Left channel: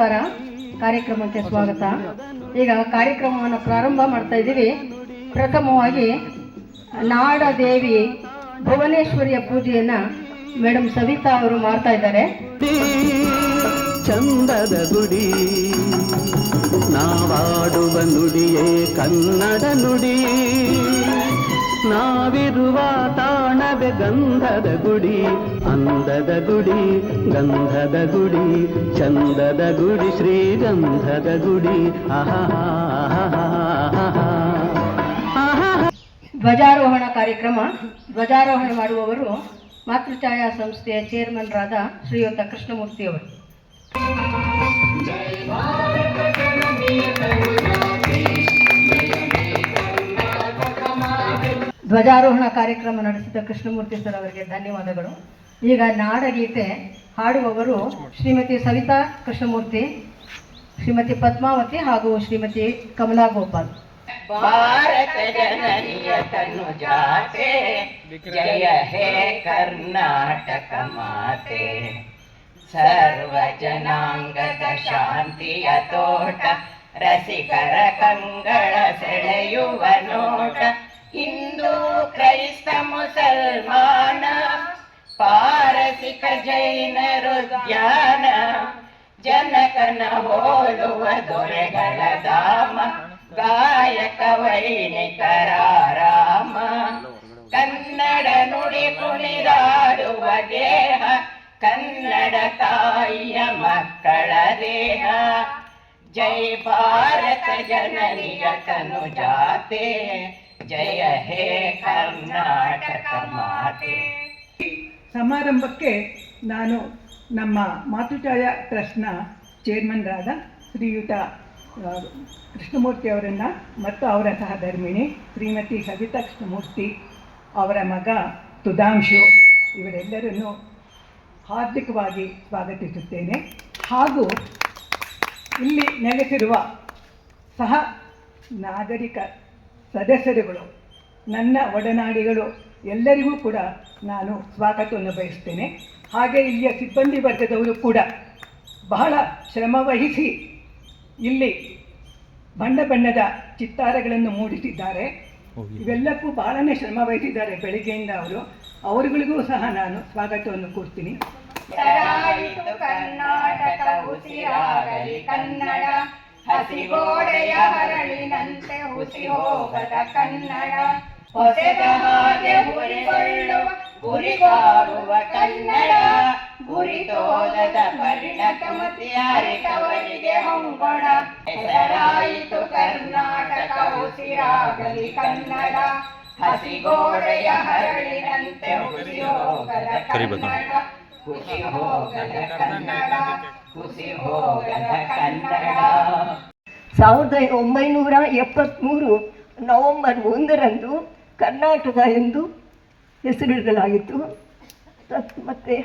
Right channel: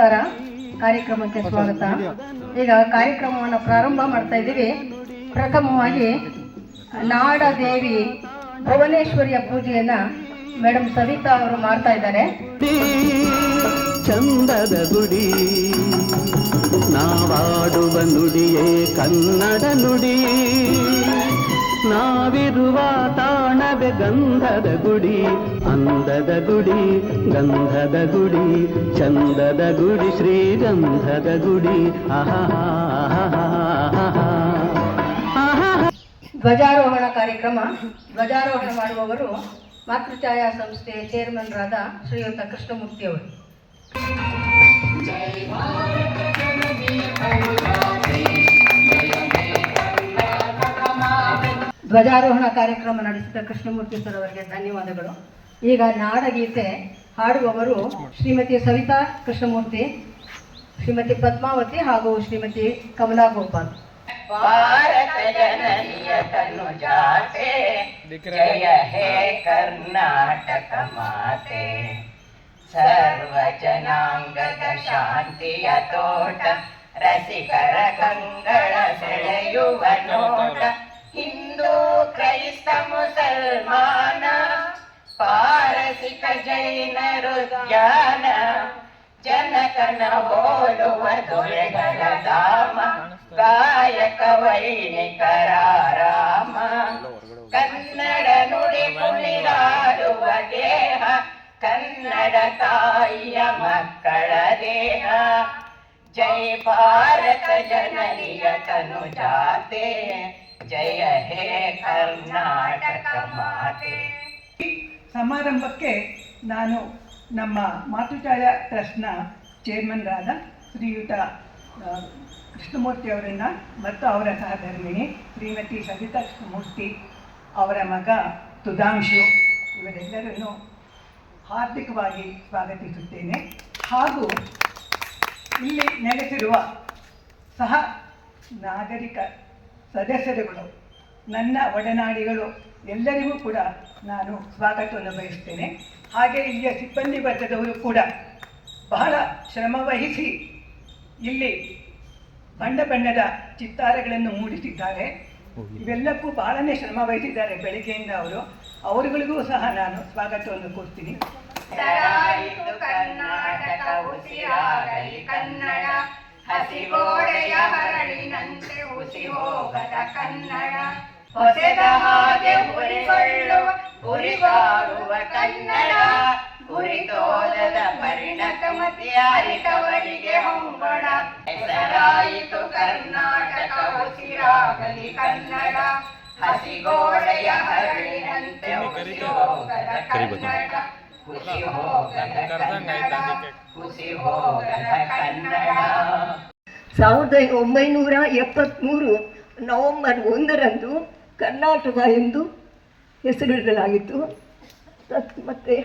ನಮಸ್ಕಾರ. ಕಾರ್ಯಕ್ರಮಕ್ಕೆ ಸ್ವಾಗತ. ಈಗ ಕಾರ್ಯಕ್ರಮವನ್ನು ಪ್ರಾರಂಭ ಮಾಡ್ತಾ ಇದ್ದೀವಿ. ಪ್ರಥಮವಾಗಿ ನಾಡದೇವಿ ಭುವನೇಶ್ವರಿಯ ಪೂಜೆಯನ್ನ ಮೇಡಮ್ ಸವಿತಾ ಅವರು ಮಾಡ್ತಾ ಇದ್ದಾರೆ. ಚಂದದ ಗುಡಿ ನಾವಾಡುವ ನುಡಿಯೇ ಕನ್ನಡ ನುಡಿ, ನಾವಿರುವ ತಾಣವೇ ಗಂಧದ ಗುಡಿ, ಅಂದದ ಗುಡಿ ಗಂಧದ ಗುಡಿ, ಚಂದದ ಗುಡಿ ಶ್ರೀಗಂಧದ ಗುಡಿ. ಧ್ವಜಾರೋಹಣ ಕಾರ್ಯಕ್ರಮ. ಧ್ವಜಾರೋಹಣ ಮಾಡುವವರು ಮಾತೃಛಾಯಾ ಸಂಸ್ಥೆಯ ಚೇರ್ಮನ್ರಾದ ಶ್ರೀಯುತ ಕೃಷ್ಣಮೂರ್ತಿಯವರು. ಧ್ವಜಾರೋಹಣ ಕಾರ್ಯಕ್ರಮ ನಡೆಸಿದ ಕೃಷ್ಣಮೂರ್ತಿ ಸರ್ ಅವರಿಗೆ ಧನ್ಯವಾದಗಳು. ಈಗ ನಾಡಗೀತೆ ಹಾಡುವವರು ಶ್ರೀಮತಿ ಸವಿತಾ ಕೃಷ್ಣಮೂರ್ತಿ, ಶ್ರೀಮತಿ ಪದ್ಮಾವತಿ ಹಾಗೂ ಶ್ರೀಮತಿ ಕಮಲಾ ಗೋಪಾಲ್. ಭಾರತ ಜನನಿಯ ತನುಜಾತೆ, ಜಯ ಹೇ ಕರ್ನಾಟಕ ಮಾತೆ, ಸರ್ವ ಜನಾಂಗದ ಶಾಂತಿಯ ತೋಟ, ರಸಿಕರ ಕಂಗಳ ಸೆಳೆಯುವ ನೋಟ, ಹಿಂದೂ ಕ್ರೈಸ್ತ ಮುಸಲ್ಮಾನ, ಪಾರಸಿಕ ಜೈನರು ಧ್ಯಾನ, ಜನಕನ ಹೋಲುವ ದೊರೆಗಳ ಧಾಮ, ಗಾಯಕ ವೈಣಿಕರ ರಾಮ, ಕನ್ನಡ ನುಡಿ ಕುಣಿದಾಡುವ ದೇಹ, ಕನ್ನಡ ತಾಯಿಯ ಮಕ್ಕಳ ದೇಹ, ಜೈ ಭಾರತ ಜನನಿಯ ತನುಜಾತೆ, ಜಯ ಹೇ ಕರ್ನಾಟಕ ಮಾತೆ. ಸಮಾರಂಭಕ್ಕೆ ನಾನು ನಮ್ಮ ಮಾತೃಛಾಯಾ ಟ್ರಸ್ಟ್ನ ಚೇರ್ಮನ್ರಾದ ಶ್ರೀಯುತ ಕೃಷ್ಣಮೂರ್ತಿ ಅವರನ್ನು ಮತ್ತು ಅವರ ಸಹಧರ್ಮಿಣಿ ಶ್ರೀಮತಿ ಸವಿತಾ ಕೃಷ್ಣಮೂರ್ತಿ, ಅವರ ಮಗ ಸುಧಾಂಶು, ಇವರೆಲ್ಲರನ್ನು ಹಾರ್ದಿಕವಾಗಿ ಸ್ವಾಗತಿಸುತ್ತೇನೆ. ಹಾಗೂ ಇಲ್ಲಿ ನೆಲೆಸಿರುವ ಸಹ ನಾಗರಿಕ ಸದಸ್ಯರುಗಳು, ನನ್ನ ಒಡನಾಡಿಗಳು ಎಲ್ಲರಿಗೂ ಕೂಡ ನಾನು ಸ್ವಾಗತವನ್ನು ಬಯಸ್ತೇನೆ. ಹಾಗೆ ಇಲ್ಲಿಯ ಸಿಬ್ಬಂದಿ ವರ್ಗದವರು ಕೂಡ ಬಹಳ ಶ್ರಮವಹಿಸಿ ಇಲ್ಲಿ ಬಣ್ಣ ಬಣ್ಣದ ಚಿತ್ತಾರಗಳನ್ನು ಮೂಡಿಸಿದ್ದಾರೆ. ಇವೆಲ್ಲಕ್ಕೂ ಬಹಳನೇ ಶ್ರಮ ವಹಿಸಿದ್ದಾರೆ ಬೆಳಿಗ್ಗೆಯಿಂದ ಅವರುಗಳಿಗೂ ಸಹ ನಾನು ಸ್ವಾಗತವನ್ನು ಕೊಡ್ತೀನಿ. ಕರ್ನಾಟಕ ಉಸಿರಾಗಲಿ ಕನ್ನಡ, ಹಸಿಗೋಡೆಯ ಹರಳಿನಂತೆ ಹುಸಿ ಹೋಗದ ಕನ್ನಡ, ಹೊಸದ ಹಾಗೆ ಹುರಿಕೊಳ್ಳುವ ಗುರಿಗಾಡುವ ಕನ್ನಡ, ಗುರಿತೋದದ ಪರಿಣತಮತಿ ಅರಿತವರಿಗೆ ಹೊಂಗೊಣ, ಹೆಸರಾಯಿತು ಕರ್ನಾಟಕ ಉಸಿರಾಗಲಿ ಕನ್ನಡ, ಹಸಿಗೋಡೆಯ ಹರಳಿನಂತೆ ಹುಸಿ ಹೋಗದ ಕನ್ನಡ, ಹುಸಿ ಹೋಗದ ಕನ್ನಡ, ಹುಸಿ ಹೋಗದ ಕನ್ನಡ. 1973 ನವೆಂಬರ್ 1ರಂದು ಕರ್ನಾಟಕ ಎಂದು ಹೆಸರಿಡಲಾಗಿತ್ತು. ಮತ್ತು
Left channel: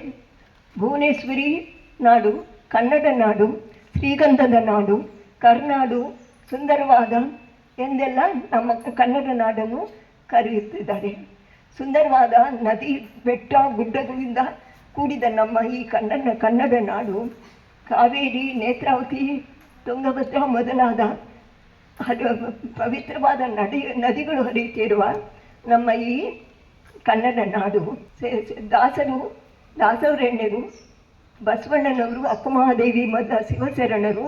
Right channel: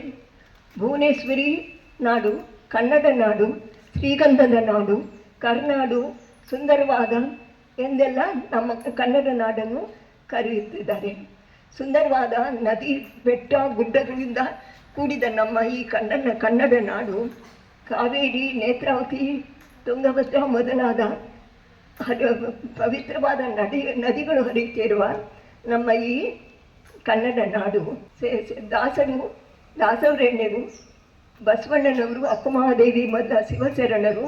ಭುವನೇಶ್ವರಿ ನಾಡು, ಕನ್ನಡ ನಾಡು, ಶ್ರೀಗಂಧದ ನಾಡು, ಕರ್ನಾಡು, ಸುಂದರವಾದ ಎಂದೆಲ್ಲ ನಮ್ಮ ಕನ್ನಡ ನಾಡನ್ನು ಕರೆಯುತ್ತಿದ್ದಾರೆ. ಸುಂದರವಾದ ನದಿ, ಬೆಟ್ಟ, ಗುಡ್ಡಗಳಿಂದ ಕೂಡಿದ ನಮ್ಮ ಈ ಕನ್ನಡ ನಾಡು ಕಾವೇರಿ, ನೇತ್ರಾವತಿ, ತುಂಗಭದ್ರಾ ಮೊದಲಾದ ಪವಿತ್ರವಾದ ನದಿಗಳು ಹರಿಯುತ್ತಿರುವ ನಮ್ಮ ಈ ಕನ್ನಡ ನಾಡು ದಾಸವರೇಣ್ಯರು, ಬಸವಣ್ಣನವರು, ಅಕ್ಕಮಹಾದೇವಿ ಮೊದಲ ಶಿವಶರಣರು,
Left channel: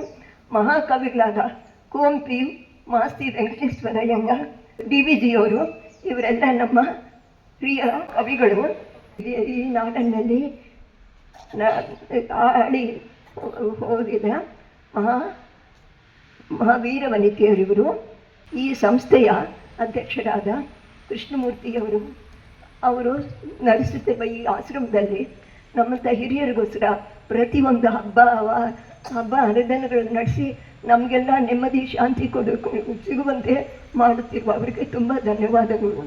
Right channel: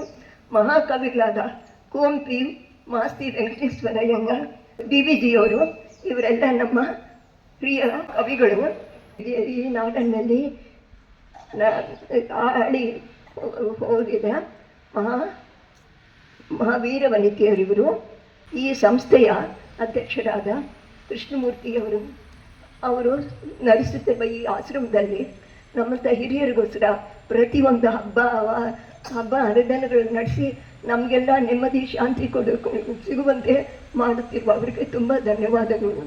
ಮಹಾಕವಿಗಳಾದ ಕುವೆಂಪು, ಮಾಸ್ತಿ ವೆಂಕಟೇಶ್ವರಯ್ಯ, DVಜಿಯವರು, ಇವರೆಲ್ಲ ನಮ್ಮ ಪ್ರಿಯ ಕವಿಗಳು. ಈ ನಾಡಿನಲ್ಲಿ ಆಳಿ ಹೋಗಿದ ಮಹಾವೀರ ವನಿತೆಯರಿವರು. ಈ ಸಂಸ್ಥೆಯ ಅಧ್ಯಕ್ಷರಾದ ಕೃಷ್ಣಮೂರ್ತಿಯವರು ಅವರು ನಡೆಸುತ್ತಿರುವ ಈ ಆಶ್ರಮದಲ್ಲಿ ನಮ್ಮಂಥ ಹಿರಿಯರಿಗೋಸ್ಕರ ಪ್ರತಿಯೊಂದು ಹಬ್ಬ ಹರಿದಿನಗಳನ್ನು ನಡೆಸಿ ನಮಗೆಲ್ಲ ನೆಮ್ಮದಿ, ಶಾಂತಿ ಸಿಗುವಂತೆ ಮಾಡುತ್ತಿರುವ ಅವರಿಗೆ ತುಂಬ ಧನ್ಯವಾದಗಳು.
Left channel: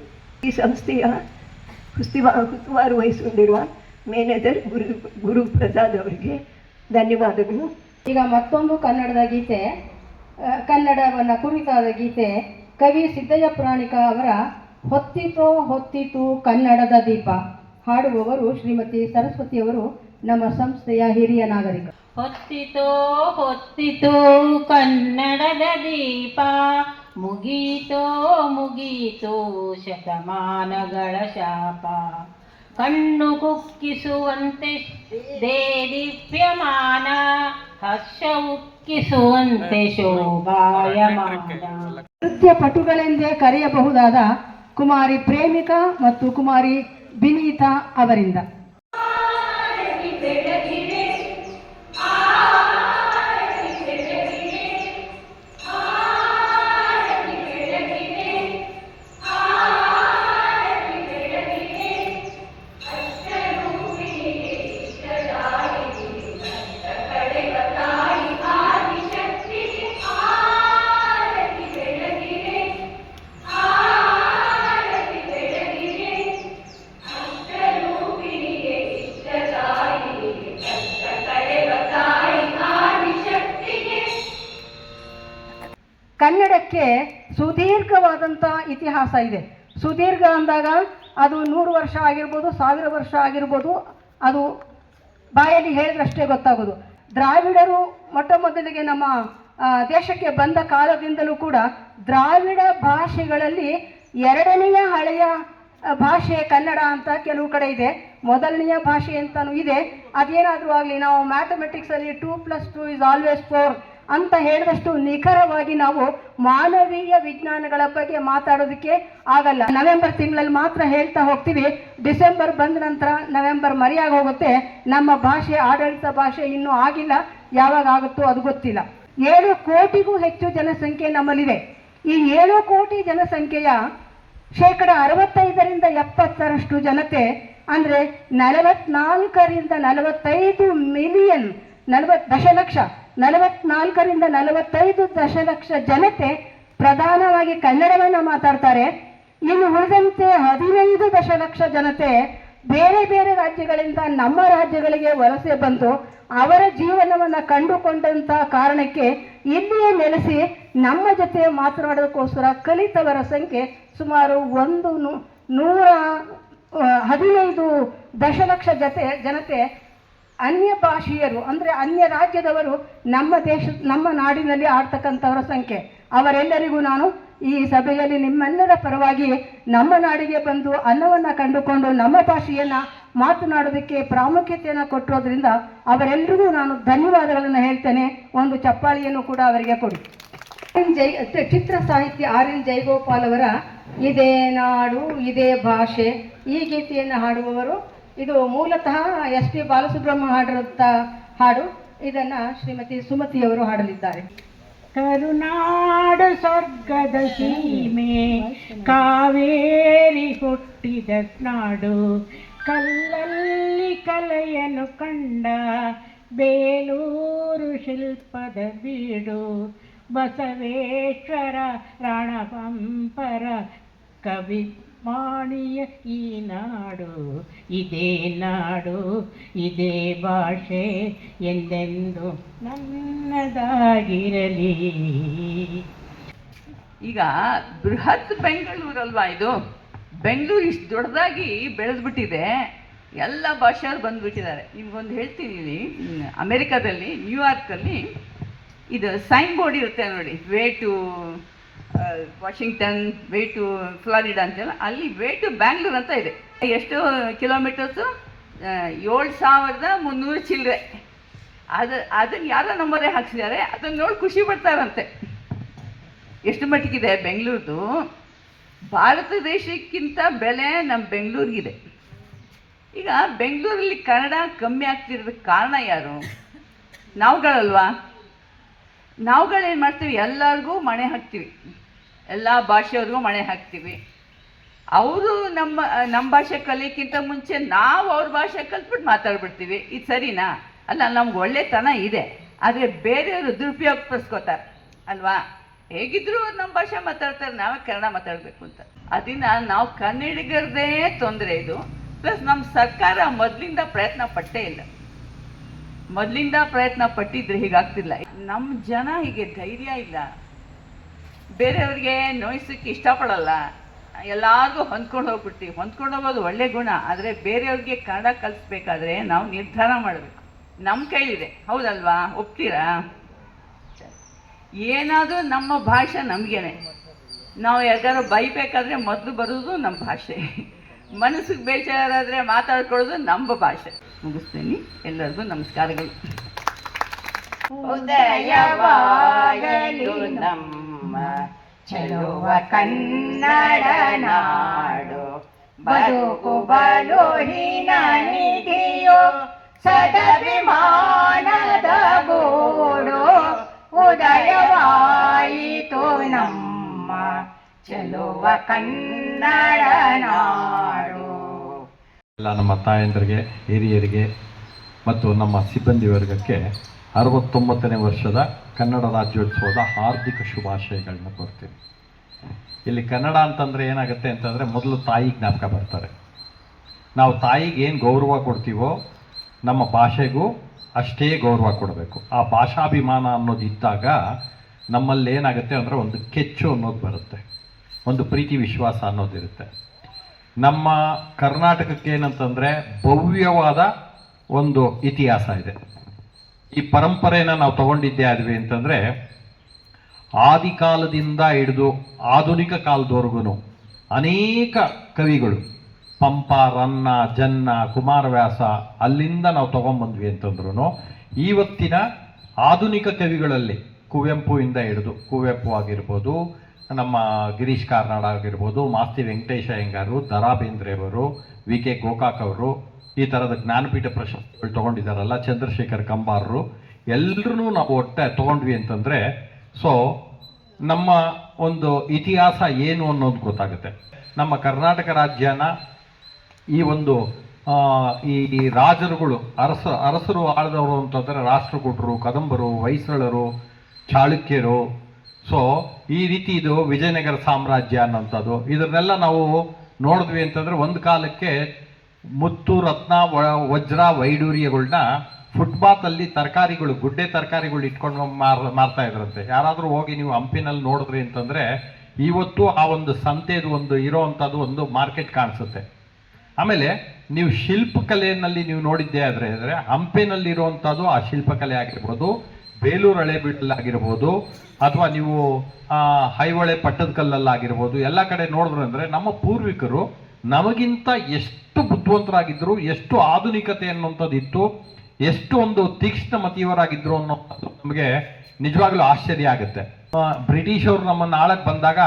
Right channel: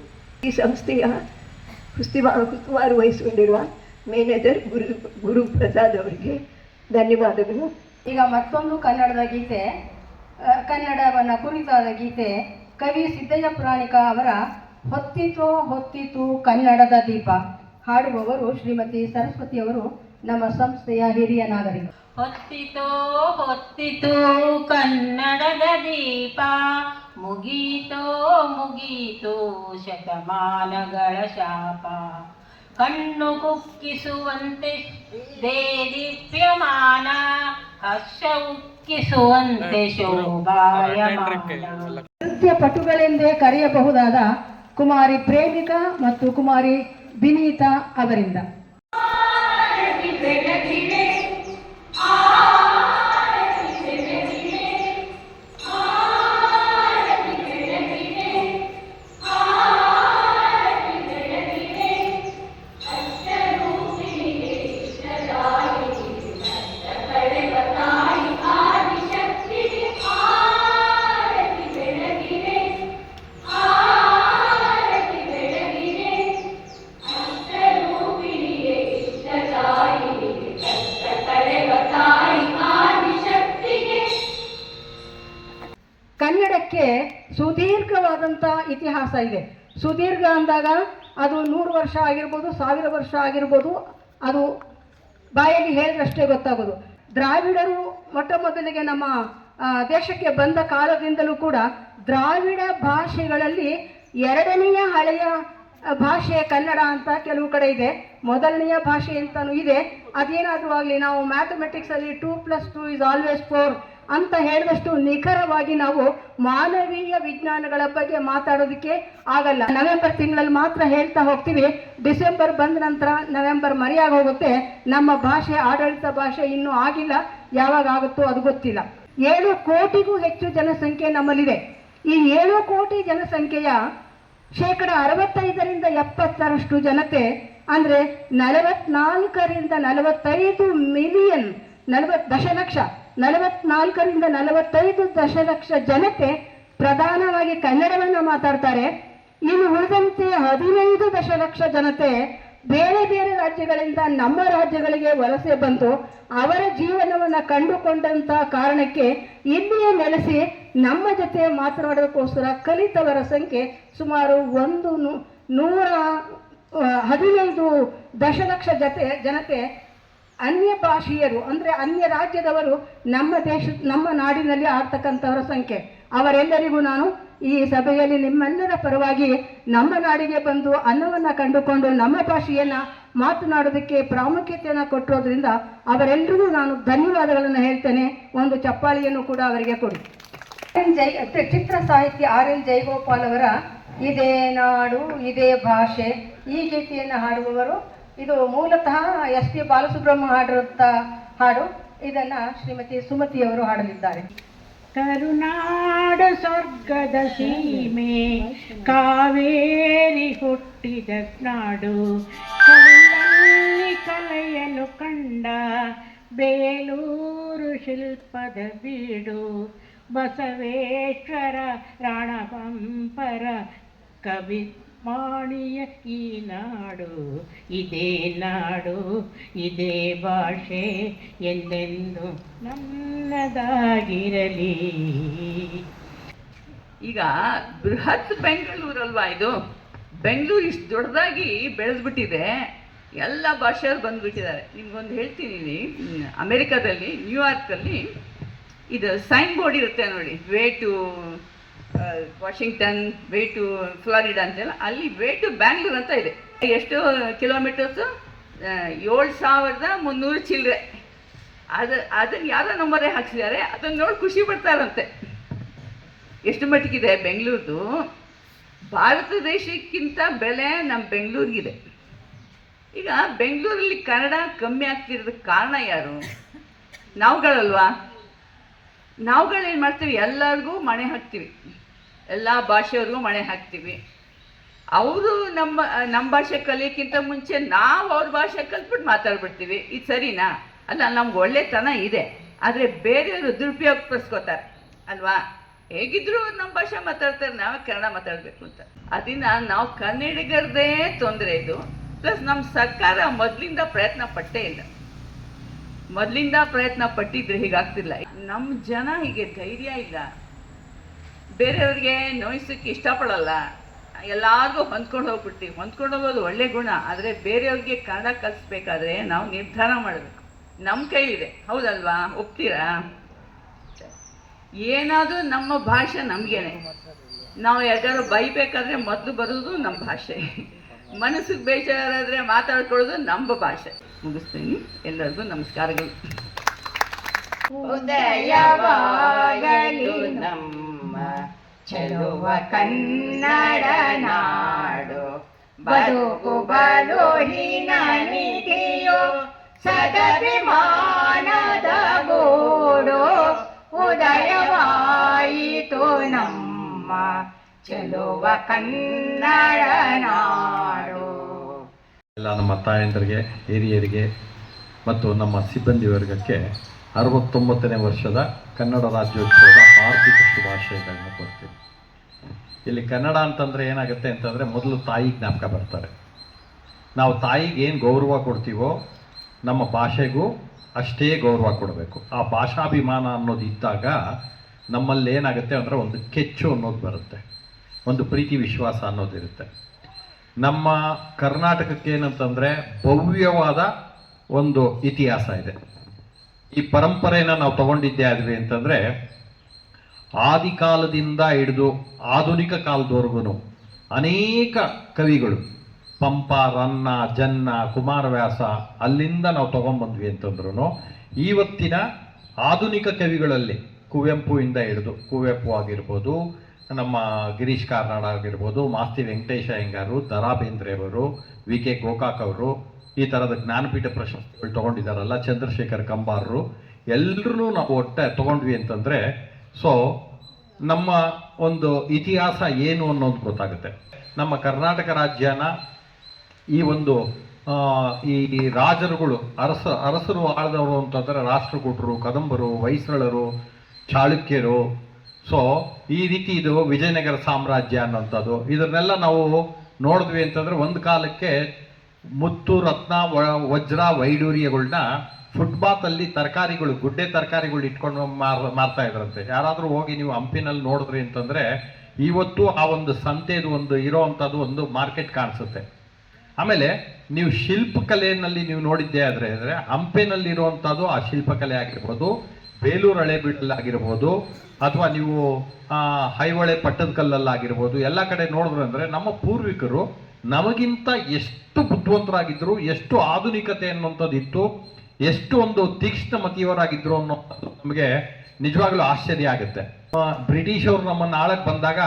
ಈ ಸಂಸ್ಥೆಯ ಉಸ್ತುವಾರಿ ವಹಿಸಿಕೊಂಡಿರುವ ಮ್ಯಾನೇಜರ್ ಗುರು ಪ್ರಸಾದ್ ಅವರಿಗೆ ಧನ್ಯವಾದಗಳು. ಈಗ ಮತ್ತೊಂದು ಕನ್ನಡದ ಗೀತೆ, ಕನ್ನಡವನ್ನು ಕುರಿತಾದ ಗೀತೆ ಕವಿ ಸಿದ್ದಯ್ಯ ಪುರಾಣಿಕ ಅವರ ಹೊತ್ತಿತು ಕನ್ನಡದ ದೀಪ ಹಾಡುವವರು ಶ್ರೀಮತಿ ಸರಸ್ವತಿಯವರು, ನಮ್ಮ ಸಂಸ್ಥೆಯ ಹಿರಿಯ ನಾಗರಿಕ. ಹೊತ್ತಿತೋ ಹೊತ್ತಿತೋ ಕನ್ನಡದ ದೀಪ, ಮುಗೀತೋ ಮುಗೀತೋ ಶತಮಾನಗಳ ಶಾಪ. ಕಣ್ಣು ಕುಕ್ಕಿಸುವಂತೆ ದೇದೀಪ್ಯಮಾನ, ಹರ್ಷ ಉಕ್ಕಿಸುವಂತೆ ಶೋಭಾಯಮಾನ. ನೃತ್ಯ ಪಟುಗಳೆಂದೇ ಕರೆಯಬಹುದಾದ ಕುಮಾರಿ ಪ್ರೇಮಿಕಾ ಮತ್ತು ಕುಮಾರಿ ಬಿನೀತಾ ಅವರಿಂದ ಕನ್ನಡಕ್ಕೆ ಸುದೀರ್ಘವಾದಂಥ ಇತಿಹಾಸ ಇದೆ. ಸುದೀರ್ಘ ಅಂದಾಗ ಅದು 100 ವರ್ಷ ಆಗಿರ್ಬೋದು, 1000 ವರ್ಷ ಆಗಿರ್ಬೋದು, ಅದು ಬಾಯಲ್ಲಿ ಹೇಳಿದ್ರಷ್ಟೇ ಗೊತ್ತಾಗೋದು. ದ್ರಾವಿಡರು ಮೊಟ್ಟ ಮೊದಲಿಗೆ ನಮ್ಮ ದೇಶಕ್ಕೆ ಬಂದ ಕಾಲದಿಂದಲೂ ಕೂಡ ದ್ರಾವಿಡ ಭಾಷೆಗಳಲ್ಲಿ 2ನೆಯ ಹಳೆಯ ಭಾಷೆ ಕನ್ನಡ ಅಂತ ಕೆಲವು ಕಡೆ ಇದೆ, ಮೊದಲನೆಯ ಭಾಷೆ ಅಂತಲೂ ಇದೆ. ಅದೇನಾದರೂ ಆಗಲಿ, ನಾವು ಮ್ಯಾಥಮೆಟಿಕ್ಸಲ್ಲಿ 2+2 = 4 ಅಂತ ಹೇಳಿದಷ್ಟು ನಿಖರವಾಗಿ ನಾವು ಮಾನವೀಯ ವಿಜ್ಞಾನಗಳ ಬಗ್ಗೆ ಮಾತಾಡೋದಕ್ಕೆ ಆಗಲ್ಲ. ನವೆಂಬರ್ ತಿಂಗಳಲ್ಲಿ ಮಾತ್ರ ಹೇಳ್ತಾ ಹೋಗ್ತೀವಿ, ಡಿಸೆಂಬರ್ ಬಂದ ನಂತರ ನವೆಂಬರ್ ಮರೆಯಾಗಿ ಹೋಗುತ್ತೆ. ನಮ್ಮ ಭಾಷೆ ಆಡಳಿತ ಭಾಷೆ ಇನ್ನೂ ಆಗಿಲ್ಲ, ಯಾವಾಗ ಆಗುತ್ತೋ ಅದು ಗೊತ್ತಿಲ್ಲ. 7 ಕೋಟಿಗೂ ಹೆಚ್ಚು ಜನಸಂಖ್ಯೆ ನಮ್ಮಲ್ಲಿದೆ. ಈ 7 ಕೋಟಿ ಜನಸಂಖ್ಯೆಯ 65% 70% ಜನತೆ ಅಂದರೆ 44ರಿಂದ 45 ಮಿಲಿಯನ್, 40 ದಶಲಕ್ಷ, 44ರಿಂದ 45 ದಶಲಕ್ಷ ಜನತೆ ಪ್ರಧಾನವಾಗಿ ಕನ್ನಡವನ್ನು ಮಾತಾಡ್ತಾರೆ. ಇನ್ನು ಉಳಿದಂತೆ 15 ದಶಲಕ್ಷ ಜನತೆ ಬೇರೆ ಬೇರೆ ರಾಜ್ಯಗಳಿಂದ ನಮ್ಮ ರಾಜ್ಯಗಳಿಗೆ ವಲಸೆ ಬಂದು ಅವರ ಜೀವನವನ್ನು ಕಂಡುಕೊಂಡಂಥ ಕಾರಣಕ್ಕೆ ಇಲ್ಲಿಯೇ ನೆಲೆಸಿ ನಮ್ಮ ಜೊತೆ ಮಾತನಾಡೋದಕ್ಕೋಸ್ಕರ ಕಲಿತವರ ಸಂಖ್ಯೆ ಸುಮಾರು 115 ದಶಲಕ್ಷ ಜನತೆ ಅನ್ಯ ಭಾಷೀಯರು ಅಂದರೆ ಅನ್ಯ ರಾಜ್ಯದವರು ನಮ್ಮ ನಾಡಿನಲ್ಲಿ ಆಡ್ತಕ್ಕಂಥವರ ಸಂಖ್ಯೆ. ಅವರೆಲ್ಲರಿಗೂ ನಾನು ಈ ಸಭೆಯಲ್ಲಿ ನಿಮ್ಮೆಲ್ಲರ ಪರವಾಗಿ ನಮ್ಮ ನಾಡಿಗೆ ಬಂದು ಅನ್ನವನ್ನು ಕಂಡುಕೊಂಡು ನಮ್ಮ ಭಾಷೆಯನ್ನು ಮಾತನಾಡೋದಕ್ಕೆ ಪ್ರಾಮುಖ್ಯತೆಯನ್ನು ಕೊಟ್ಟಿರೋದ್ರಿಂದ ಅವರೆಲ್ಲರಿಗೂ ನಾನು ಧನ್ಯವಾದಗಳನ್ನು ಹೇಳ್ತೇನೆ. ಒಂದು ಚಪ್ಪಾಳಿಯನ್ನು ಕೂಡ ಅವರಿಗೆ ಕೊಡಿ. ಚಿತ್ರ ಸಾಹಿತ್ಯ RN ಜಯಗೋಪಾಲ್ ಅವರ ಇದೇ ನಾಡು ಇದೇ ಭಾಷೆ ಈ ಗೀತೆಯನ್ನು ಹಾಡುವವರು. ಇದು ಮೂಲತಃ SP ಬಾಲಸುಬ್ರಹ್ಮಣ್ಯ ಹಾಡಿರುವಂಥ ಹಾಡು. ಇದನ್ನು ಶ್ರೀಮತಿ ಸುಮತಿಯವರು ಹಾಡಲಿದ್ದಾರೆ. ಕರುನಾಡು ಸ್ವರ್ಗದ ಸೀಮೆ, ಕಾವೇರಿ ಹುಟ್ಟಿದ ನಾಡು, ಕಲ್ಲಲ್ಲಿ ಕಲೆಯನ್ನು ಕಂಡ ಬೇಲೂರು ಶಿಲ್ಪದ ಬೀಡು, ಬಸವೇಶ್ವರ ರಣಪಂಪರ ಕವಿ ವಾಣಿಯ ಈ ನಾಡು, ಇದೇ ನಾಡು ಇದೇ ಭಾಷೆ ಎಂದೆಂದು ನನ್ನದಾಗಿರಲಿ. ಈಗ ಬೃಹತ್ ಬೆಂಗಳೂರಲ್ವಾ ಇದು? ಬೆಂಗಳೂರು ಇಷ್ಟು ದೊಡ್ಡದಾಗಿ ಬೆಳೆದ್ಬಿಟ್ಟಿದೆ, ಎಲ್ಲ ಭಾಷೆಯವ್ರು ಬಂದುಬಿಟ್ಟಿದ್ದಾರೆ. ನಿಮ್ಗೊಂದು ಹೇಳ್ತೀನಿ, ಅಮೇರಿಕಾದಲ್ಲಿ ನ್ಯೂಯಾರ್ಕಲ್ಲಿ ಇದು ಸೈನ್ ಬೋರ್ಡ್ ಇರುತ್ತೆ ನೋಡಿ, way to Washington, way to Florida ಅಂತೆಲ್ಲ, ಅಲ್ಲಿ ವೇ ಟು ಬ್ಯಾಂಗ್ಳೂರ್ ಅಂತ ಇದೆ. ಎಷ್ಟು ಕಿಲೋಮೀಟರ್ಸು? 7300 ಚಿಲ್ಲರೆ. ಅದನ್ನು ಯಾರೋ ನಂಬರೇ ಹಾಕ್ಸಿದ್ದಾರೆ, ಅದನ್ನು ನೋಡಿ ಖುಷಿ ಪಡ್ತಾರಂತೆ. ಎಷ್ಟು ಮಟ್ಟಿಗಿದೆ ಬೆಂಗಳೂರ್ದು. ಭಾರತ ದೇಶಕ್ಕಿಂತ ಬೆಲೆ ನಮ್ಮ ಬೆಂಗಳೂರಿಗಿದೆ. ಈಗ ಬೆಂಗಳೂರಲ್ಲಿ ಕನ್ನಡ ಕಮ್ಮಿ ಆಗ್ತಿರೋದಕ್ಕೆ ಕಾರಣ ಯಾರು? ನಾವುಗಳಲ್ವಾ? ನಾವುಗಳೇನು ಮಾಡ್ತೀವಿ, ಎಲ್ಲರಿಗೂ ಮಣೆ ಹಾಕ್ತೀವಿ, ಎಲ್ಲ ಭಾಷೆಯವ್ರಿಗೂ ಮಣೆ ಹಾಕ್ತೀವಿ. ಅವರು ನಮ್ಮ ಭಾಷೆ ಕಲಿಯೋಕ್ಕಿಂತ ಮುಂಚೆ ನಾವು ಅವ್ರ ಭಾಷೆ ಕಲ್ತ್ಬಿಟ್ಟು ಮಾತಾಡ್ಬಿಡ್ತೀವಿ. ಇದು ಸರಿನಾ? ಅಲ್ಲ, ನಮ್ಗೆ ಒಳ್ಳೆತನ ಇದೆ, ಆದರೆ ಬೇರೆಯವರು ದುರುಪಯೋಗಪಡಿಸ್ಕೋತಾರೆ ಅಲ್ವಾ? ಹೇಗಿದ್ರು ನಮ್ಮ ಭಾಷೆ ಮಾತಾಡ್ತಾರೆ, ನಾವೇ ಕನ್ನಡ ಮಾತಾಡಬೇಕು ಅಂತ. ಅದರಿಂದ ನಾವು ಕನ್ನಡಿಗರದೇ ತೊಂದರೆ ಇದು. ಪ್ಲಸ್ ನಮ್ಮ ಸರ್ಕಾರ ಮೊದಲಿಂದ ಪ್ರಯತ್ನ ಪಟ್ಟೇ ಇಲ್ಲ. ಮೊದಲಿಂದ ಪ್ರಯತ್ನ ಪಟ್ಟಿದ್ರೆ ಹೀಗಾಗ್ತಿಲ್ಲ. ನಮ್ಮ ಜನ ಹೀಗೆ ಧೈರ್ಯ ಇಲ್ಲ, ಬೇರೆಯವ್ರಿಗೆ ನೋಯಿಸೋಕ್ಕೆ ಇಷ್ಟಪಡಲ್ಲ, ಎಲ್ಲರಿಗೂ ಹೊಂದ್ಕೊಂಡು ಹೋಗ್ಬಿಡ್ತೀವಿ. ಹೊಂದ್ಕೊಂಡು ಹೋಗೋದು ಒಳ್ಳೆ ಗುಣ, ಆದರೆ ಬೇರೆಯವ್ರಿಗೆ ಕನ್ನಡ ಕಲಿಸ್ಬೇಕಾದ್ರೆ ನಾವು ನಿರ್ಧಾರ ಮಾಡಬೇಕು. ನಮ್ಮ ಕೈಲಿದೆ, ಹೌದಲ್ವಾ? ಒಪ್ತೀರಾ? ಏನಾದರೂ ನಮ್ಮ ಭಾಷೆ ನಮಗೇನೆ. ನಾವು ಯಾರಿಗಾರು ಬೈಬೇಕಾದ್ರೆ ಮೊದಲು ಬರೋದು ನಮ್ಮ ಭಾಷೆ, ಮನಸ್ಸಿಗೆ ಬೇಜಾರಾದರೆ ಮಾತಾಡ್ಕೊಳ್ಳೋದು ನಮ್ಮ ಭಾಷೆ. ಮುಗಿಸ್ತೀನಿ. ಎಲ್ಲರಿಗೂ ನಮಸ್ಕಾರಗಳು. ಉದಯವಾಗಲಿ ನಮ್ಮ ಚೆಲುವ ಕನ್ನಡ ನಾಡು, ಬದುಕು ಬಲು ಹಿನಿದೆಯೋ ಸದಭಿಮಾನದ ಗೂಡು, ಉದಯವಾಯಿತು ನಮ್ಮ ಚೆಲುವ ಕನ್ನಡ ನಾಡು. ಎಲ್ಲ ನಮ್ಮ ತಾಯಂದರಿಗೆ, ಹಿರಿಯರಿಗೆ ಮತ್ತು ನಮ್ಮ ಸಿಬ್ಬಂದಿ ವರ್ಗಕ್ಕೆ 69ನೇ ವರ್ಷದ ಕನ್ನಡ ರಾಜ್ಯೋತ್ಸವದ ಹಾರ್ದಿಕ ಶುಭಾಶಯಗಳನ್ನ ಕೊಡ್ತೀವಿ. ಇಲ್ಲಿ ಕನ್ನಡ ಅಂತಂದರೆ ಏನಾಗುತ್ತೆ ಅಂತಂದರೆ ಮೊದಲು ತಾಯಿ ಜ್ಞಾಪಕ ಬರ್ತಾರೆ. ನಾವು ತಾಯಿಗೆ ಏನು ಗೌರವ ಕೊಡ್ತೀವೋ ನಮ್ಮ ಭಾಷೆಗೂ ಅಷ್ಟೇ ಗೌರವ ಕೊಡಬೇಕು. ಆ ಭಾಷಾಭಿಮಾನ ಅನ್ನೋದು ಇದ್ದಾಗ ನಮ್ಮಲ್ಲಿ ಏನಾಗುತ್ತೆ ಅಂದರೆ ಒಂದು ಕೆಚ್ಚು ಅನ್ನೋದು ಬರುತ್ತೆ, ಒಂದು ಪ್ರೀತಿ ವಿಶ್ವಾಸ ಅನ್ನೋದಿರುತ್ತೆ. ನಮ್ಮ ಕರ್ನಾಟಕಕ್ಕೆ ಏನಂತಂದರೆ ಭವ್ಯವಾದ ಒಂದು ಇತಿಹಾಸ ಇದೆ. ಈ ಪರಂಪರೆಯನ್ನು ನಾವು ತಗೊಂಡಿದ್ದೇ ಆದ್ವಿ ಅಂತಂದರೆ ಆದಿಕಾಲದಿಂದ ಹಿಡಿದು ಆಧುನಿಕ ಕಾಲದವರೆಗೂ ಅನೇಕ ಕವಿಗಳು, ಪಂಪ, ರನ್ನ, ಜನ್ನ, ಕುಮಾರವ್ಯಾಸ, ಅಲ್ಲಿಂದ ನಾವು ತಗೊಂಡ್ಬಂದ್ವಿ ಅಂತಂದ್ರೂ ಇವತ್ತಿನ ಆಧುನಿಕ ಕವಿಗಳಲ್ಲಿ ಕುವೆಂಪುಯಿಂದ ಹಿಡಿದು, ಕುವೆಂಪು ಆಗಿರ್ಬೋದು, ನಮ್ಮ ಗಿರೀಶ್ ಕಾರ್ನಾಡ್ ಆಗಿರ್ಬೋದು, ಮಾಸ್ತಿ ವೆಂಕಟೇಶ ಅಯ್ಯಂಗಾರು, ದ.ರಾ ಬೇಂದ್ರೆಯವರು, ವಿ.ಕೆ. ಗೋಕಾಕ್ ಅವರು, ಈ ಥರದ ಜ್ಞಾನಪೀಠ ಪ್ರಶಸ್ತಿಗಳು ತೊಗೊಂಡಿದ್ದಾರಲ್ಲ, ಚಂದ್ರಶೇಖರ್ ಕಂಬಾರರು, ಎಲ್ಲರೂ ನಾವು ಒಟ್ಟೆ ತೊಗೊಂಡ್ವಿ ಅಂತಂದರೆ ಸೊ ನಮ್ಮ ಒಂದು ಇತಿಹಾಸ ಏನು ಅನ್ನೋದು ಗೊತ್ತಾಗುತ್ತೆ. ನಮ್ಮ ಕರ್ನಾಟಕ ರಾಜ್ಯನ ಈ ಒಂದು ಈ ರಾಜರುಗಳು, ಅರಸರು ಆಳಿದವರು ಅಂತಂದರೆ ರಾಷ್ಟ್ರಕೂಟರು, ಕದಂಬರು, ಹೊಯ್ಸಳರು, ಚಾಳುಕ್ಯರು. ಸೊ ಈ ರೀತಿ ಇದು ವಿಜಯನಗರ ಸಾಮ್ರಾಜ್ಯ ಅನ್ನೋಂಥದ್ದು. ಇದನ್ನೆಲ್ಲ ನಾವು ನೋಡಿದ್ವಿ ಅಂತಂದರೆ ಒಂದು ಕಾಲಕ್ಕೆ ಮುತ್ತು, ರತ್ನ, ವಜ್ರ, ವೈಡೂರ್ಯಗಳನ್ನ ಫುಟ್ಪಾತಲ್ಲಿ ತರಕಾರಿಗಳು, ಗುಡ್ಡೆ ತರಕಾರಿಗಳು ಇಟ್ಕೊಂಡು ಮಾರ್ತಾ ಇದ್ರಂತೆ. ಯಾರಾದರೂ ಹೋಗಿ ನೀವು ಹಂಪಿನಲ್ಲಿ ನೋಡಿದ್ರಿ ಅಂತಂದರೆ ಇವತ್ತು ಆ ಒಂದು ಸಂತೆದು ಒಂದು ಇರೋವಂಥದ್ದು ಒಂದು ಮಾರ್ಕೆಟ್ ಕಾಣಿಸುತ್ತೆ. ಆಮೇಲೆ ನೀವು ಶಿಲ್ಪಕಲೆಯಲ್ಲಿ ನೀವು ನೋಡಿದ್ದೇ ಆದರೆ ಹಂಪಿನಲ್ಲಿರುವಂಥದ್ದು ಆ ಶಿಲ್ಪಕಲೆ ಆಗಿರ್ಬೋದು, ಬೇಲೂರು ಹಳೇಬೀಡಲ್ಲಾಗಿರ್ಬೋದು, ಅಥವಾ ನೀವು ಐಹೊಳೆ ಪಟ್ಟದಕಲ್ಲಲ್ಲಾಗಿರ್ಬೋದು, ಎಲ್ಲ ಕಡೆ ನೋಡಿದ್ರು ಅಂದರೆ ನಮ್ಮ ಪೂರ್ವಿಕರು ನಮಗಿಂತ ಎಷ್ಟು ಬುದ್ಧಿವಂತರಾಗಿದ್ದರು, ಎಷ್ಟು ಆಧುನಿಕತೆ ಅನ್ನುವಂಥದ್ದು ಇತ್ತು, ಎಷ್ಟು ಒಂದು ತೀಕ್ಷ್ಣ ಮತಿಯವರಾಗಿದ್ದರು ಅನ್ನೋದು ನಮಗೆ ನಿಜವಾಗ್ಲೂ ಆಶ್ಚರ್ಯ ಆಗುತ್ತೆ. ಬ್ರಿಟಿಷರು ನಮ್ಮನ್ನು ಆಳಕ್ಕೆ ಬಂದಾಗ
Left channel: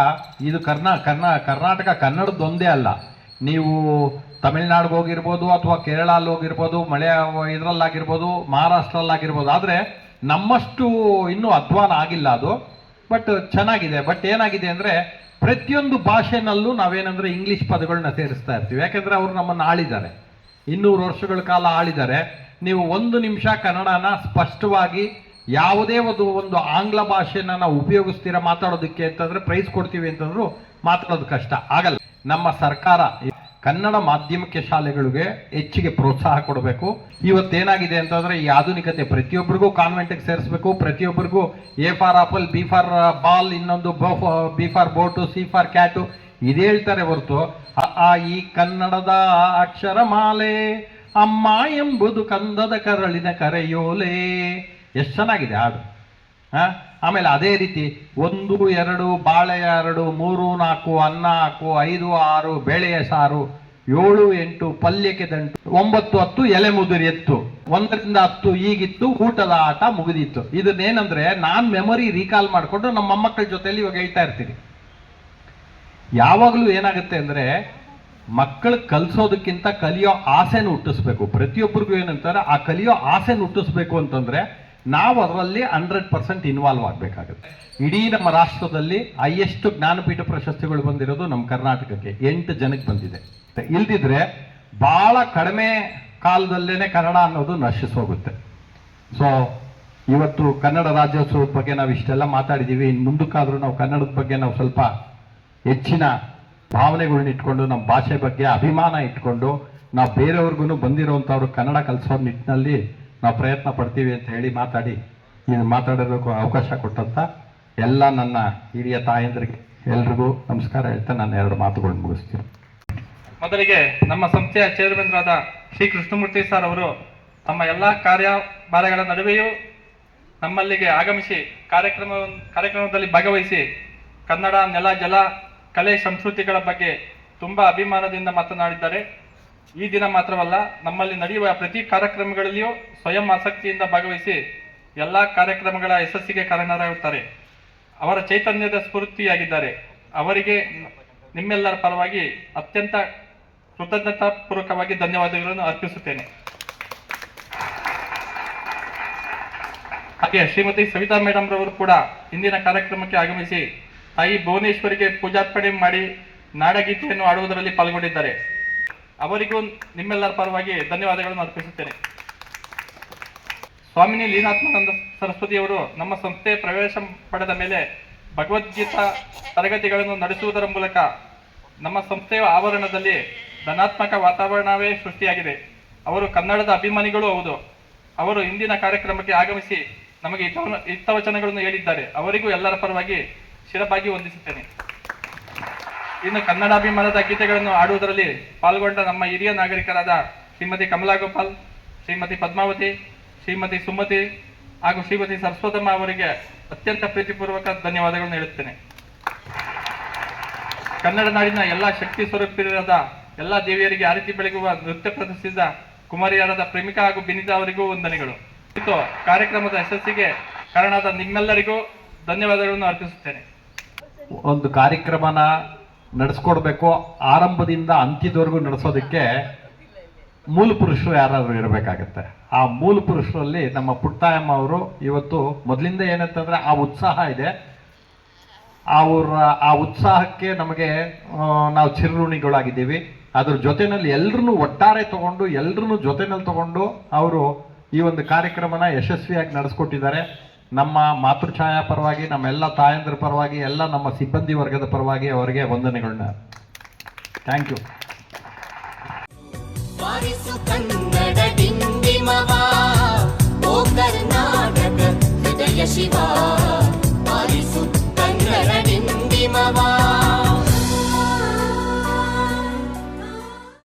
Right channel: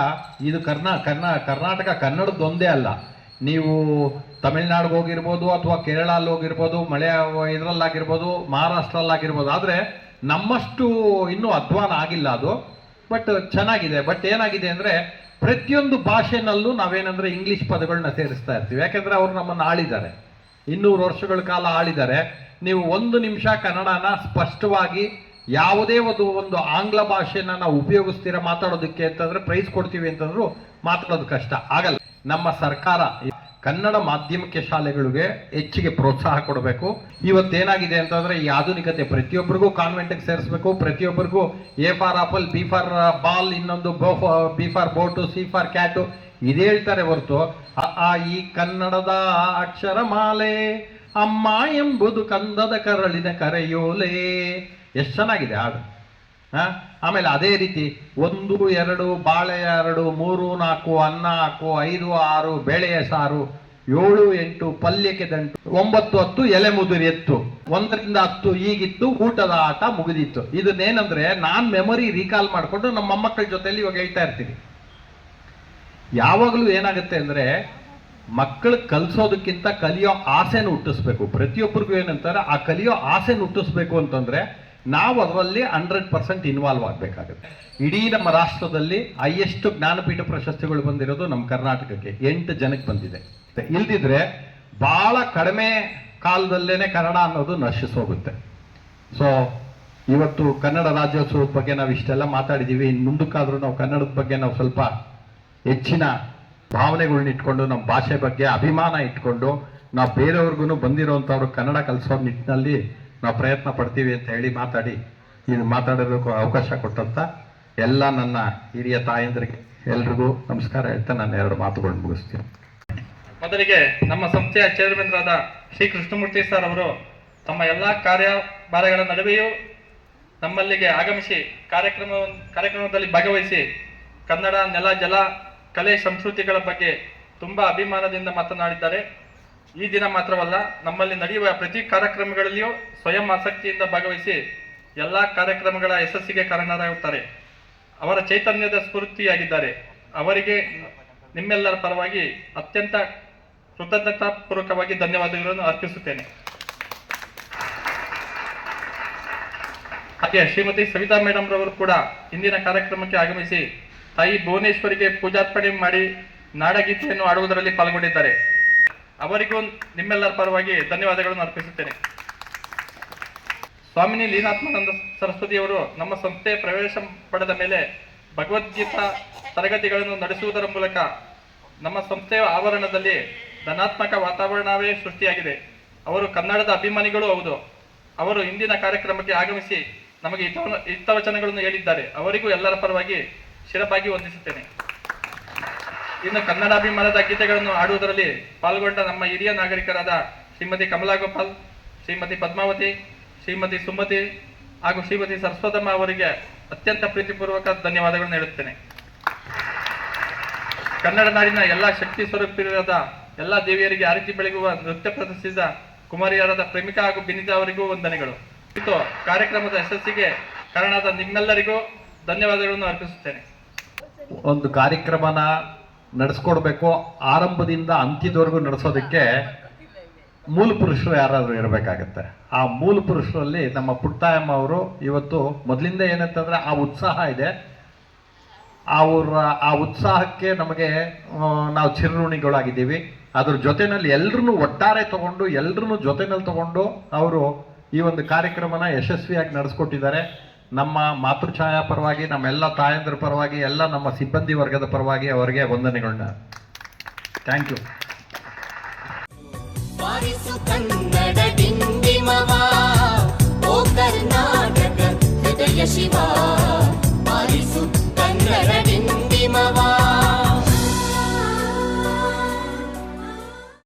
ಇದು ಕರ್ನಾಟಕ ಕನ್ನಡದೊಂದೇ ಅಲ್ಲ, ನೀವು ತಮಿಳ್ನಾಡಿಗೆ ಹೋಗಿರ್ಬೋದು, ಅಥವಾ ಕೇರಳಲ್ಲಿ ಹೋಗಿರ್ಬೋದು, ಇದರಲ್ಲಾಗಿರ್ಬೋದು, ಮಹಾರಾಷ್ಟ್ರಲ್ಲಾಗಿರ್ಬೋದು. ಆದರೆ ನಮ್ಮಷ್ಟು ಇನ್ನೂ ಅಧ್ವಾನ ಆಗಿಲ್ಲ ಅದು. ಬಟ್ ಚೆನ್ನಾಗಿದೆ. ಬಟ್ ಏನಾಗಿದೆ ಅಂದರೆ ಪ್ರತಿಯೊಂದು ಭಾಷೆನಲ್ಲೂ ನಾವೇನಂದರೆ ಇಂಗ್ಲೀಷ್ ಪದಗಳನ್ನ ಸೇರಿಸ್ತಾ ಇರ್ತೀವಿ. ಯಾಕೆಂದರೆ ಅವರು ನಮ್ಮನ್ನು ಆಳಿದ್ದಾರೆ, 200 ವರ್ಷಗಳ ಕಾಲ ಆಳಿದ್ದಾರೆ. ನೀವು 1 ನಿಮಿಷ ಕನ್ನಡನ ಸ್ಪಷ್ಟವಾಗಿ ಯಾವುದೇ ಒಂದು ಆಂಗ್ಲ ಭಾಷೆನ ನಾವು ಉಪಯೋಗಿಸ್ತೀರ ಮಾತಾಡೋದಕ್ಕೆ ಅಂತಂದರೆ ಪ್ರೈಸ್ ಕೊಡ್ತೀವಿ ಅಂತಂದ್ರೂ ಮಾತಾಡೋದು ಕಷ್ಟ ಆಗಲ್ಲ. ನಮ್ಮ ಸರ್ಕಾರ ಕನ್ನಡ ಮಾಧ್ಯಮಕ್ಕೆ ಶಾಲೆಗಳಿಗೆ ಹೆಚ್ಚಿಗೆ ಪ್ರೋತ್ಸಾಹ ಕೊಡಬೇಕು. ಇವತ್ತೇನಾಗಿದೆ ಅಂತಂದರೆ ಈ ಆಧುನಿಕತೆ ಪ್ರತಿಯೊಬ್ಬರಿಗೂ ಕಾನ್ವೆಂಟಿಗೆ ಸೇರಿಸ್ಬೇಕು, ಪ್ರತಿಯೊಬ್ಬರಿಗೂ A for apple, B for ball, ಇನ್ನೊಂದು B for boat, C for cat ಇದೇ ಹೇಳ್ತಾರೆ ಹೊರತು ಈ ಕನ್ನಡದ ಅಕ್ಷರಮಾಲೆ ಅಮ್ಮ ಎಂಬುದು ಕಂದದ ಕರಳಿನ ಕರೆಯೋಲೆ. ಎಷ್ಟು ಚೆನ್ನಾಗಿದೆ ಹಾಡು. ಆಮೇಲೆ ಅದೇ ರೀತಿ 1, 2 ಬಾಳೆ 2, 3, 4 ಅನ್ನ ಹಾಕು, 5, 6 ಬೇಳೆಯ ಸಾರು, 7, 8 ಪಲ್ಯಕ್ಕೆ ದಂಟು, 9, 10 ಎಲೆ ಮುದುರಿ ಎತ್ತು, 1ರಿಂದ 10 ಈಗಿತ್ತು, ಊಟದ ಆಟ ಮುಗಿದಿತ್ತು. ಇದನ್ನೇನಂದ್ರೆ ನಾನು ಮೆಮೊರಿ ರೀಕಾಲ್ ಮಾಡಿಕೊಂಡು ನಮ್ಮ ಮೊಮ್ಮಕ್ಕಳ ಜೊತೆಯಲ್ಲಿ ಇವಾಗ ಹೇಳ್ತಾ ಇರ್ತೀನಿ. ಯಾವಾಗಲೂ ಏನಾಗುತ್ತೆ ಅಂದರೆ ಮಕ್ಕಳು ಕಲಿಸೋದಕ್ಕಿಂತ ಕಲಿಯೋ ಆಸೆನ ಹುಟ್ಟಿಸ್ಬೇಕು. ಪ್ರತಿಯೊಬ್ಬರಿಗೂ ಏನಂತಾರೆ ಆ ಕಲಿಯೋ ಆಸೆನ ಹುಟ್ಟಿಸ್ಬೇಕು ಅಂತಂದರೆ ನಾವು ಅದರಲ್ಲಿ 100% ಇನ್ವಾಲ್ವ್ ಆಗಬೇಕಾಗುತ್ತೆ. ಇಡೀ ನಮ್ಮ ರಾಷ್ಟ್ರದಲ್ಲಿ ಹೈಯೆಸ್ಟ್ ಜ್ಞಾನಪೀಠ ಪ್ರಶಸ್ತಿಗಳು ಬಂದಿರೋದು ನಮ್ಮ ಕರ್ನಾಟಕಕ್ಕೆ 8 ಜನಕ್ಕೆ ಬಂದಿದೆ. ಇಲ್ದಿದ್ರೆ ಭಾಳ ಕಡಿಮೆ ಕಾಲದಲ್ಲೇ ಕನ್ನಡ ಅನ್ನೋದು ನಶಿಸೋಗುತ್ತೆ. ಸೊ ಇವತ್ತು ಕನ್ನಡ ರಾಜ್ಯೋತ್ಸವದ ಬಗ್ಗೆ ನಾವು ಇಷ್ಟೆಲ್ಲ ಮಾತಾಡಿದ್ದೀವಿ. ಇನ್ನು ಮುಂದಕ್ಕಾದರೂ ನಾವು ಕನ್ನಡದ ಬಗ್ಗೆ ನಾವು ಸ್ವಲ್ಪ ಹೆಚ್ಚಿನ ಭಾವನೆಗಳನ್ನ ಇಟ್ಕೊಂಡು, ನಮ್ಮ ಭಾಷೆ ಬಗ್ಗೆ ಅಭಿಮಾನ ಇಟ್ಕೊಂಡು ನಾವು ಬೇರೆಯವ್ರಿಗೂ ಬಂದಿರೋವಂಥವ್ರು ಕನ್ನಡ ಕಲಿಸೋ ನಿಟ್ಟಿನಲ್ಲಿ ನಾವು ಪ್ರಯತ್ನ ಪಡ್ತೀವಿ ಅಂತ ಹೇಳಿ ಮಾತಾಡೋದಕ್ಕೂ ಅವಕಾಶ ಕೊಟ್ಟಂತ ಎಲ್ಲ ನನ್ನ ಹಿರಿಯ ತಾಯಂದರಿಗೆ ಎಲ್ರಿಗೂ ನಮಸ್ಕಾರ ಹೇಳ್ತಾ ನಾನು 2 ಮಾತುಗಳನ್ನು ಮುಗಿಸ್ತೀನಿ. ಮೊದಲಿಗೆ ನಮ್ಮ ಸಂಸ್ಥೆಯ ಚೇರ್ಮನ್ರಾದ ಶ್ರೀ ಕೃಷ್ಣಮೂರ್ತಿ ಸರ್ ಅವರು ತಮ್ಮ ಎಲ್ಲ ಕಾರ್ಯಭಾರಗಳ ನಡುವೆಯೂ ನಮ್ಮಲ್ಲಿಗೆ ಆಗಮಿಸಿ ಕಾರ್ಯಕ್ರಮದಲ್ಲಿ ಭಾಗವಹಿಸಿ ಕನ್ನಡ ನೆಲ ಜಲ ಕಲೆ ಸಂಸ್ಕೃತಿಗಳ ಬಗ್ಗೆ ತುಂಬ ಅಭಿಮಾನದಿಂದ ಮಾತನಾಡಿದ್ದಾರೆ. ಈ ದಿನ ಮಾತ್ರವಲ್ಲ, ನಮ್ಮಲ್ಲಿ ನಡೆಯುವ ಪ್ರತಿ ಕಾರ್ಯಕ್ರಮಗಳಲ್ಲಿಯೂ ಸ್ವಯಂ ಆಸಕ್ತಿಯಿಂದ ಭಾಗವಹಿಸಿ ಎಲ್ಲ ಕಾರ್ಯಕ್ರಮಗಳ ಯಶಸ್ಸಿಗೆ ಕಾರಣರಾಗುತ್ತಾರೆ. ಅವರ ಚೈತನ್ಯದ ಸ್ಫೂರ್ತಿಯಾಗಿದ್ದಾರೆ. ಅವರಿಗೆ ನಿಮ್ಮೆಲ್ಲರ ಪರವಾಗಿ ಅತ್ಯಂತ ಕೃತಜ್ಞತಾಪೂರ್ವಕವಾಗಿ ಧನ್ಯವಾದಗಳನ್ನು ಅರ್ಪಿಸುತ್ತೇನೆ. ಹಾಗೆ ಶ್ರೀಮತಿ ಸವಿತಾ ಮೇಡಮ್ ರವರು ಕೂಡ ಇಂದಿನ ಕಾರ್ಯಕ್ರಮಕ್ಕೆ ಆಗಮಿಸಿ ತಾಯಿ ಭುವನೇಶ್ವರಿಗೆ ಪೂಜಾರ್ಪಣೆ ಮಾಡಿ ನಾಡಗೀತೆಯನ್ನು ಆಡುವುದರಲ್ಲಿ ಪಾಲ್ಗೊಂಡಿದ್ದಾರೆ. ಅವರಿಗೂ ನಿಮ್ಮೆಲ್ಲರ ಪರವಾಗಿ ಧನ್ಯವಾದಗಳನ್ನು ಅರ್ಪಿಸುತ್ತೇನೆ. ಸ್ವಾಮಿನಿ ಲೀನಾತ್ಮಾನಂದ ಸರಸ್ವತಿಯವರು ನಮ್ಮ ಸಂಸ್ಥೆಯ ಪ್ರವೇಶ ಪಡೆದ ಮೇಲೆ ಭಗವದ್ಗೀತಾ ತರಗತಿಗಳನ್ನು ನಡೆಸುವುದರ ಮೂಲಕ ನಮ್ಮ ಸಂಸ್ಥೆಯ ಆವರಣದಲ್ಲಿ ಧನಾತ್ಮಕ ವಾತಾವರಣವೇ ಸೃಷ್ಟಿಯಾಗಿದೆ. ಅವರು ಕನ್ನಡದ ಅಭಿಮಾನಿಗಳೂ ಹೌದು. ಅವರು ಇಂದಿನ ಕಾರ್ಯಕ್ರಮಕ್ಕೆ ಆಗಮಿಸಿ ನಮಗೆ ಹಿತವಚನಗಳನ್ನು ಹೇಳಿದ್ದಾರೆ. ಅವರಿಗೂ ಎಲ್ಲರ ಪರವಾಗಿ ಶಿರಬಾಗಿ ವಂದಿಸುತ್ತೇನೆ. ಇನ್ನು ಕನ್ನಡಾಭಿಮಾನದ ಗೀತೆಗಳನ್ನು ಆಡುವುದರಲ್ಲಿ ಪಾಲ್ಗೊಂಡ ನಮ್ಮ ಹಿರಿಯ ನಾಗರಿಕರಾದ ಶ್ರೀಮತಿ ಕಮಲಾ ಗೋಪಾಲ್, ಶ್ರೀಮತಿ ಪದ್ಮಾವತಿ, ಶ್ರೀಮತಿ ಸುಮತಿ ಹಾಗೂ ಶ್ರೀಮತಿ ಸರಸ್ವತಮ್ಮ ಅವರಿಗೆ ಅತ್ಯಂತ ಪ್ರೀತಿಪೂರ್ವಕ ಧನ್ಯವಾದಗಳನ್ನು ಹೇಳುತ್ತೇನೆ. ಕನ್ನಡ ನಾಡಿನ ಎಲ್ಲ ಶಕ್ತಿ ಸ್ವರೂಪಿಯಾದ ಎಲ್ಲ ದೇವಿಯರಿಗೆ ಆರತಿ ಬೆಳಗುವ ನೃತ್ಯ ಪ್ರದರ್ಶಿಸಿದ ಕುಮಾರಿಯರಾದ ಪ್ರೇಮಿಕಾ ಹಾಗೂ ಬಿನಿತಾ ಅವರಿಗೂ ವಂದನೆಗಳು. ಇದು ಕಾರ್ಯಕ್ರಮದ ಯಶಸ್ಸಿಗೆ ಕಾರಣವಾದ ನಿಮ್ಮೆಲ್ಲರಿಗೂ ಧನ್ಯವಾದಗಳನ್ನು ಅರ್ಪಿಸುತ್ತೇನೆ. ಒಂದು ಕಾರ್ಯಕ್ರಮನ ನಡೆಸ್ಕೊಡ್ಬೇಕು, ಆರಂಭದಿಂದ ಅಂತ್ಯದವರೆಗೂ ನಡೆಸೋದಕ್ಕೆ ಮೂಲ ಪುರುಷರು ಯಾರಾದರೂ ಇರಬೇಕಾಗತ್ತೆ. ಆ ಮೂಲ ಪುರುಷರಲ್ಲಿ ನಮ್ಮ ಪುಟ್ಟಯಮ್ಮ ಅವರು ಇವತ್ತು ಮೊದಲಿಂದ ಏನಂತಂದ್ರೆ ಆ ಉತ್ಸಾಹ ಇದೆ. ಆ ಉತ್ಸಾಹಕ್ಕೆ ನಮಗೆ ನಾವು ಚಿರಋಣಿಗಳಾಗಿದ್ದೀವಿ. ಅದ್ರ ಜೊತೆನಲ್ಲಿ ಎಲ್ಲರನ್ನೂ ಒಟ್ಟಾರೆ ತಗೊಂಡು ಎಲ್ಲರನ್ನೂ ಜೊತೆನಲ್ಲಿ ತಗೊಂಡು ಅವರು ಈ ಒಂದು ಕಾರ್ಯಕ್ರಮನ ಯಶಸ್ವಿಯಾಗಿ ನಡೆಸ್ಕೊಟ್ಟಿದ್ದಾರೆ. ನಮ್ಮ ಮಾತೃಛಾಯಾ ಪರವಾಗಿ, ನಮ್ಮೆಲ್ಲ ತಾಯಂದ್ರ ಪರವಾಗಿ, ಎಲ್ಲ ನಮ್ಮ ಸಿಬ್ಬಂದಿ ವರ್ಗದ ಪರವಾಗಿ ಅವರಿಗೆ ವಂದನೆಗಳನ್ನ. Thank you. ಬಾರಿಸು ಕನ್ನಡ ಡಿಂಡಿಮವ, ಓ ಕರ್ನಾಟಕ ಹೃದಯ ಶಿವ.